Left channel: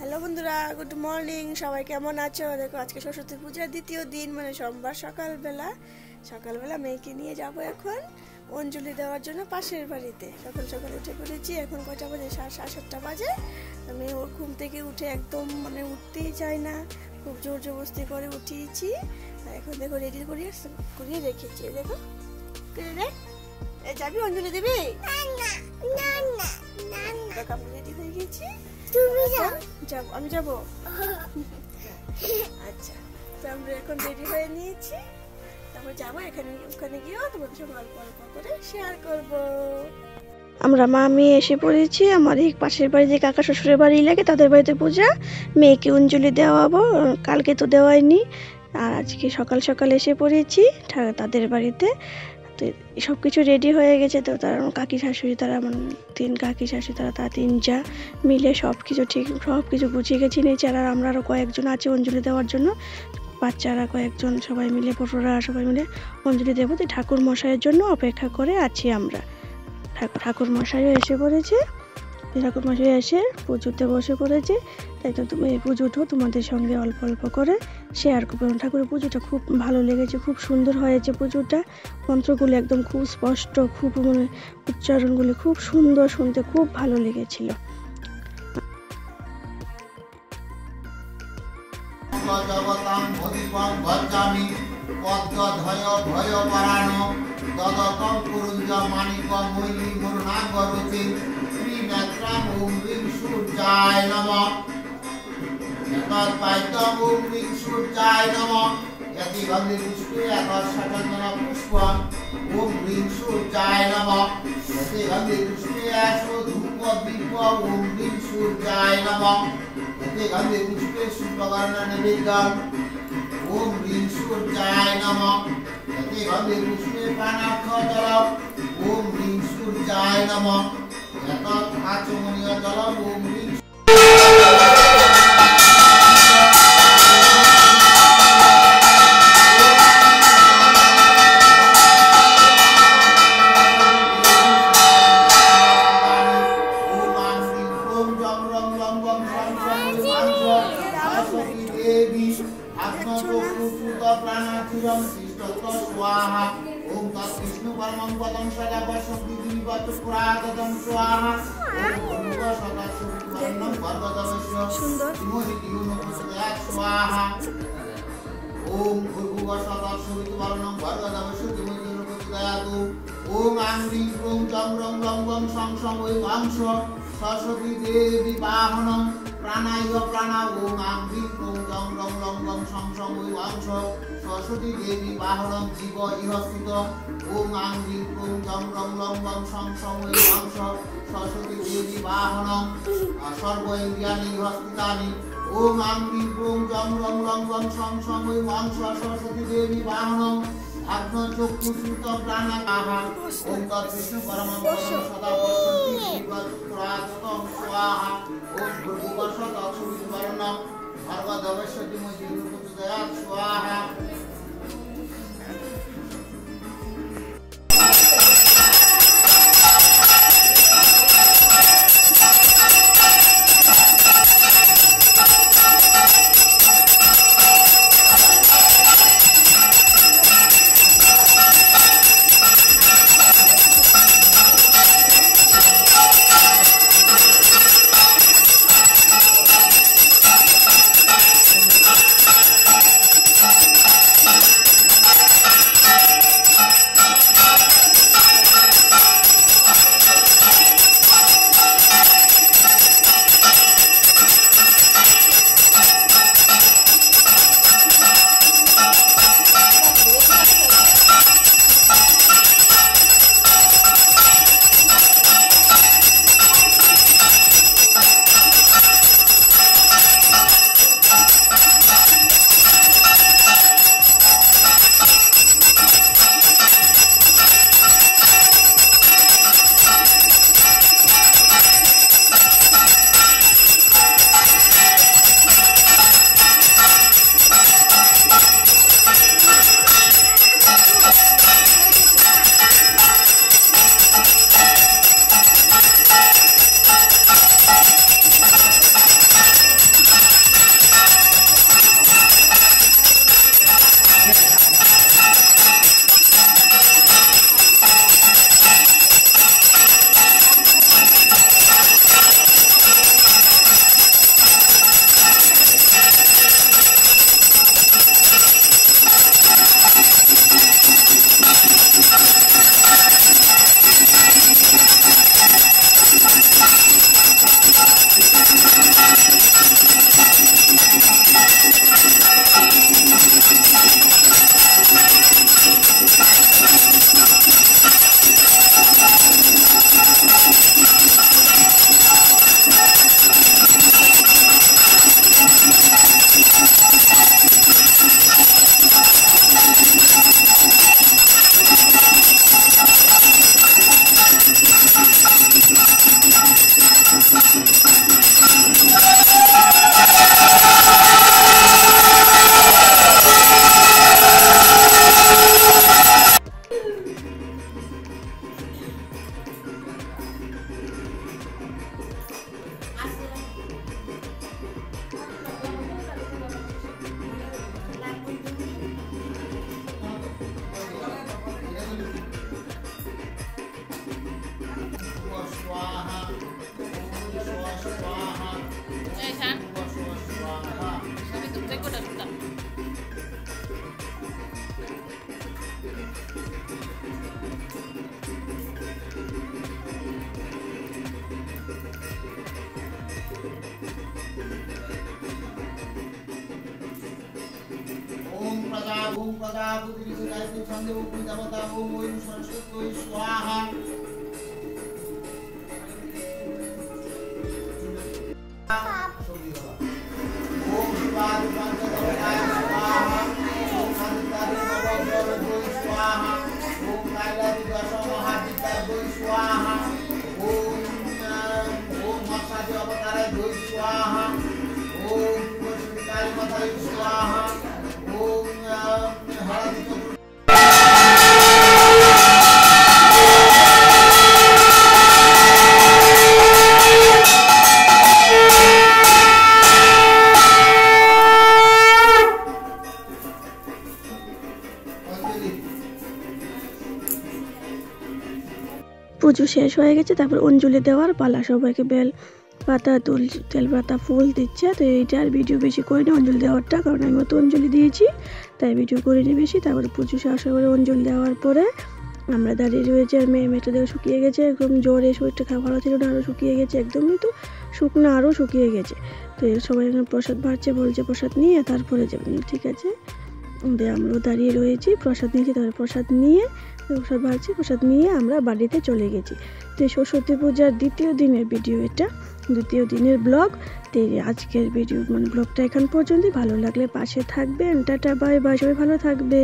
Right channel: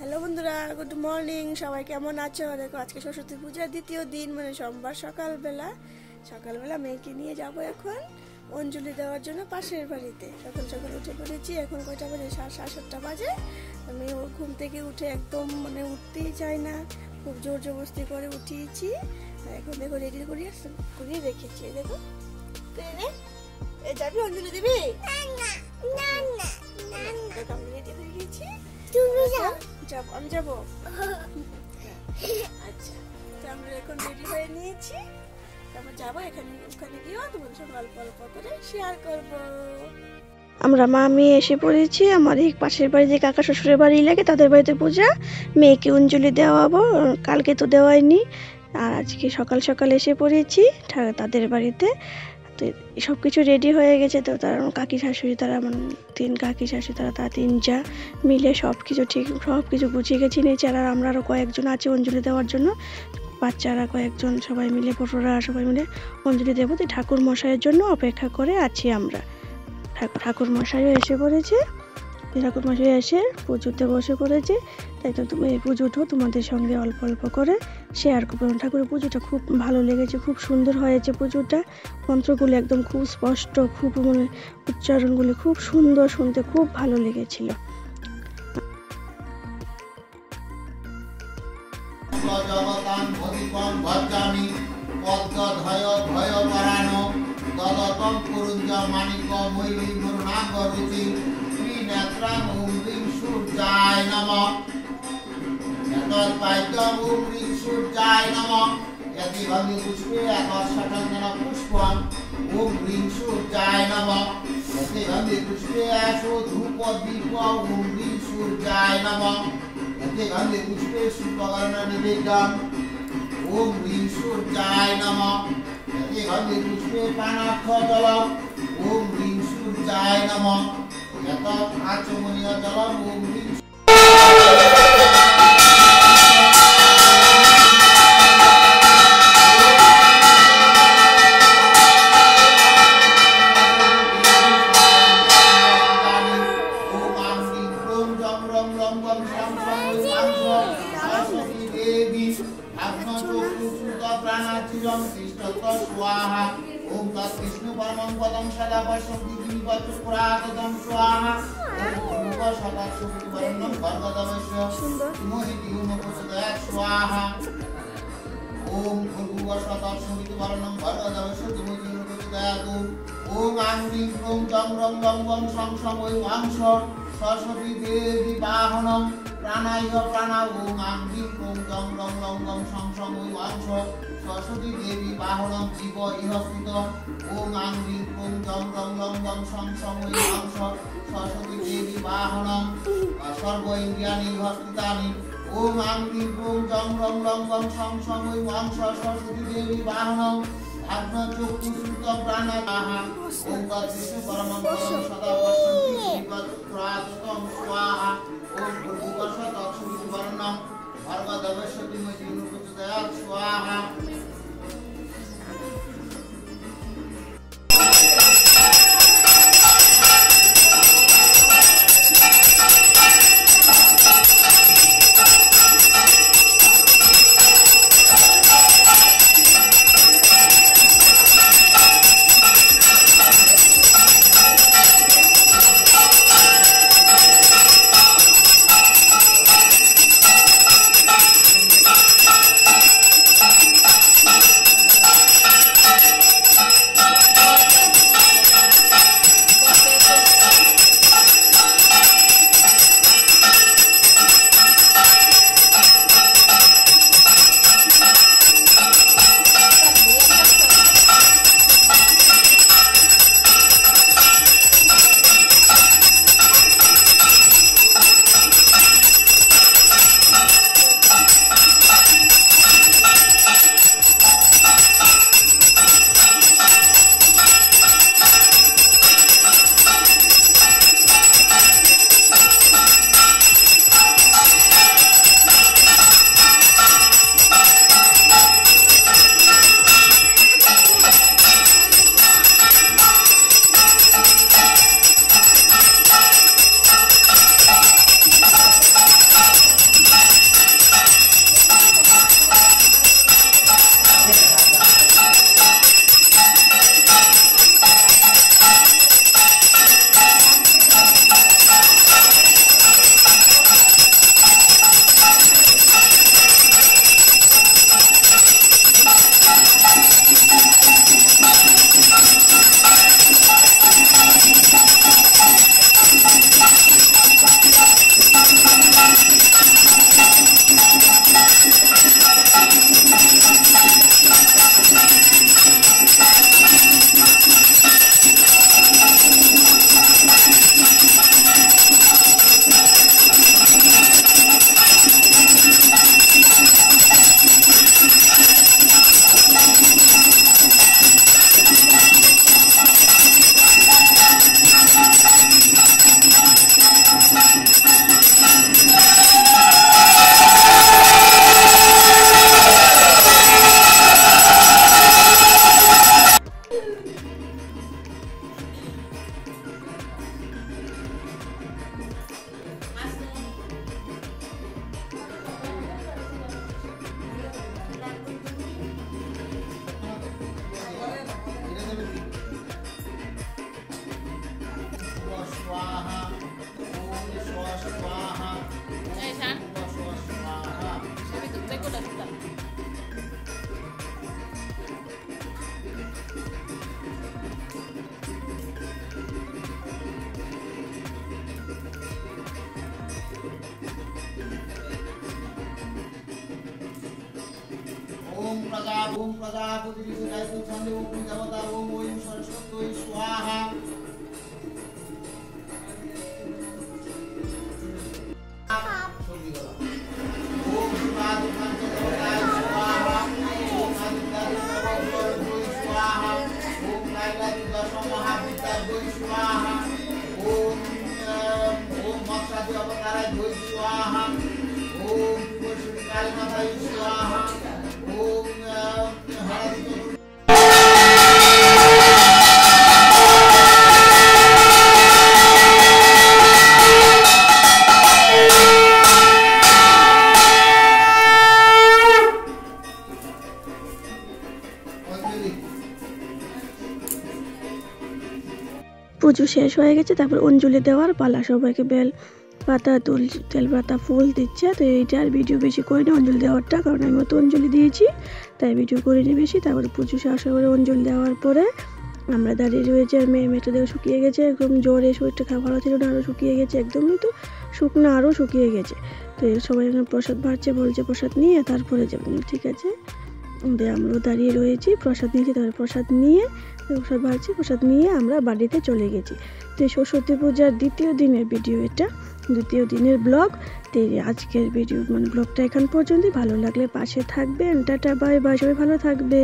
Hello বন্ধুরা, good morning. সবাই কেমন আছো? দেখো আজকে সরস্বতী পূজার দ্বিতীয় দিন, মানে সোমবার সকালবেলা মেয়েকে নিয়ে যাব এখন অঞ্জলি দেওয়ার জন্য পাশের বাড়িতে। সকাল সকাল উঠে পড়েছি। এখন কয়টা বাজে? 7:30 বাজে। আমি ওর ঘুম থেকে উঠে একদম উঠতেই চায় না, খুব জোর জবরদস্তি করে উঠিয়েছি। এখন দেখো রেডি করিয়ে রেখেছি। দেখো যাবি অঞ্জলি দিবি? দেখো আমি রেডি হয়ে গেছি। আমি যাবো। আচ্ছা, তো আমরা এখন রেডি হয়ে নিয়েছি, তারপর যাবো। ওখানে গিয়েও তোমাদের সঙ্গে অল্প অল্প করে শেয়ার করবো। আমরা মা মেয়ে এসে পড়েছি। আমার এই পাশের বাড়ি যে কাকা শ্বশুরের বাড়ি লাগে, তাদের বাড়িতে পূজা। মেয়েকে অঞ্জলি দেওয়াবো, কালকে তো দেওয়াইনি। আর আজকে সকাল সকাল এসে পড়েছি তাদের বাড়িতে। তো সব কিছু রেডি হয়ে গেছে। তো তারা কাকি শাশুড়ি, তারা তিন কাকি শাশুড়ি, তারা তিন যা মিলে সব কিছু গুছিয়ে গেছি নিয়েছি। আর আমরা আরও কয়েকজন আছে অঞ্জলি দেওয়ার জন্য, বাচ্চারা কয়েকজন, সবাই মিলে বড়রা সবাই মিলে অঞ্জলি দেবো। তো ঠাকুর মশাইয়ের জন্য অপেক্ষা করে আছি আমরা। ঠাকুর মশাইও এসে পড়েছে। ঠাকুর মশাই এসে পুজোতে বসে পড়েছে। তাই তো তুমি এই পুজোটাও তোমাদের সঙ্গে অল্প অল্প করে শেয়ার করবো। ঠাকুরের পুজোটা খুব ভালো লেগেছে, খুব সুন্দর হয়েছে পুজোটা। মন্ত্রগুলো একদম খুব স্পষ্ট, খুব উচ্চারণগুলি খুব সুন্দর, শুনতে খুব ভালো লেগেছিল। সূর্যায় নমঃ এতৎপাদ্যং ওম হ্রিং সূর্যায় নমঃ यदि भंगे पुष्पे आकाशकंदन पुष्पं ओम ह्रीं सूर्याय नमः यदि भंगे पुष्पे आशो धूप दीप ओम ह्रीं सूर्याय नमः यदि भंगे पुष्पे सुपवर्ण निवेदन ओम ह्रीं सूर्याय नमः यदि भंगे पुष्पे पानाक्ष जल ओम ह्रीं सूर्याय नमः यतः आचमनीय जल ओम ह्रीं स्वाहा ओम तत्विष्णु परमं पदं सदा वसंति पुरागतं स्वाहा ओम सदा सुवर्णं भगवतस्य मोहितुमपुसदा स्वाहा ओम सदा सुवर्णं भगवतस्य मोहितुमपुसदातु ओम आंगिं ओम तं रं लं वं सं सं वै वांश सरस्वती देवी वाहनं प्राणाय प्राणा ओम आंगिं ओम तं रं लं वं सं सं वै वांश सरस्वती देवी वाहनं जीव इहस्थित ओम आंगिं ओम तं रं लं वं सं सं वै वांश सरस्वती देवी वाहनं सर्व इन्द्रियाणि इहस्थितानि ओम आंगिं ओम तं रं लं वं सं सं वै वांश सरस्वती देवी वाहनं आत्मा चक्षुषुत प्राणापाहा ओम तत्विष्णु परमं पदं सदा वसन्ति पुरागतं स्वाहा ओम भूर्भुवस्सुः तत्सवितुर्वरेण्यं भर्गो देवस्य धीमहि स्वाहा। प्रजा ओम प्रजापति ऋषि छंदे ओम देवता ओम ओम सरस्वती स्वाहा ओम शिवाय पंचदेवताय स्वाहा ओम आदित्याय नवग्रहाय स्वाहा ओम कैलास महाविद्याय स्वाहा ओम मत्स्य अवताराय स्वाहा ओम काली माताय स्वाहा ओम हरदि পুজো শেষ হয়ে গেছে, তারপর অঞ্জলি দেওয়ার পালা। সবাইকে বেল পাতা তেল পাতা ফুল দিচ্ছে। তো এইটার ভিডিও বেশি করিনি অঞ্জলি দেওয়ারটা, কারণ আমি তো অঞ্জলি দিয়েছি তাই ভিডিও করিনি বেশি। তারপরে পুজো শেষ করে অঞ্জলি দেওয়ার পরে আমরা দাঁড়িয়ে রয়েছি। আর মেয়েটা দেখে শুকিয়ে গেছে, একদম জ্বরে, শরীরটা খাওয়া ভালো ছিল না, আরও শুকিয়ে গেছে, একদমই তো শুকনো, আরও শুকিয়ে গেছে। তো সবাই প্রসাদ বাড়ছে, বলছে প্রসাদ নিয়ে তারপরে যাবেন। ঠিক আছে, আমরাও দাঁড়িয়ে রয়েছি, প্রসাদ নিয়েছি। তারপরে প্রসাদ নিয়ে প্রসাদ বাড়ছি, প্রসাদ নিয়ে আমরা বাড়িতে চলে গেছি। তো সরস্বতী পূজার দ্বিতীয় দিনের ভিডিও, এটা দ্বিতীয় দিনের ব্লগ। তো আজকের ভিডিও ব্লগটা এখান পর্যন্তই। ভালো লাগলে পাশে থাকবেন। টাটা বাই বাই, সবাই ভালো থাকবে।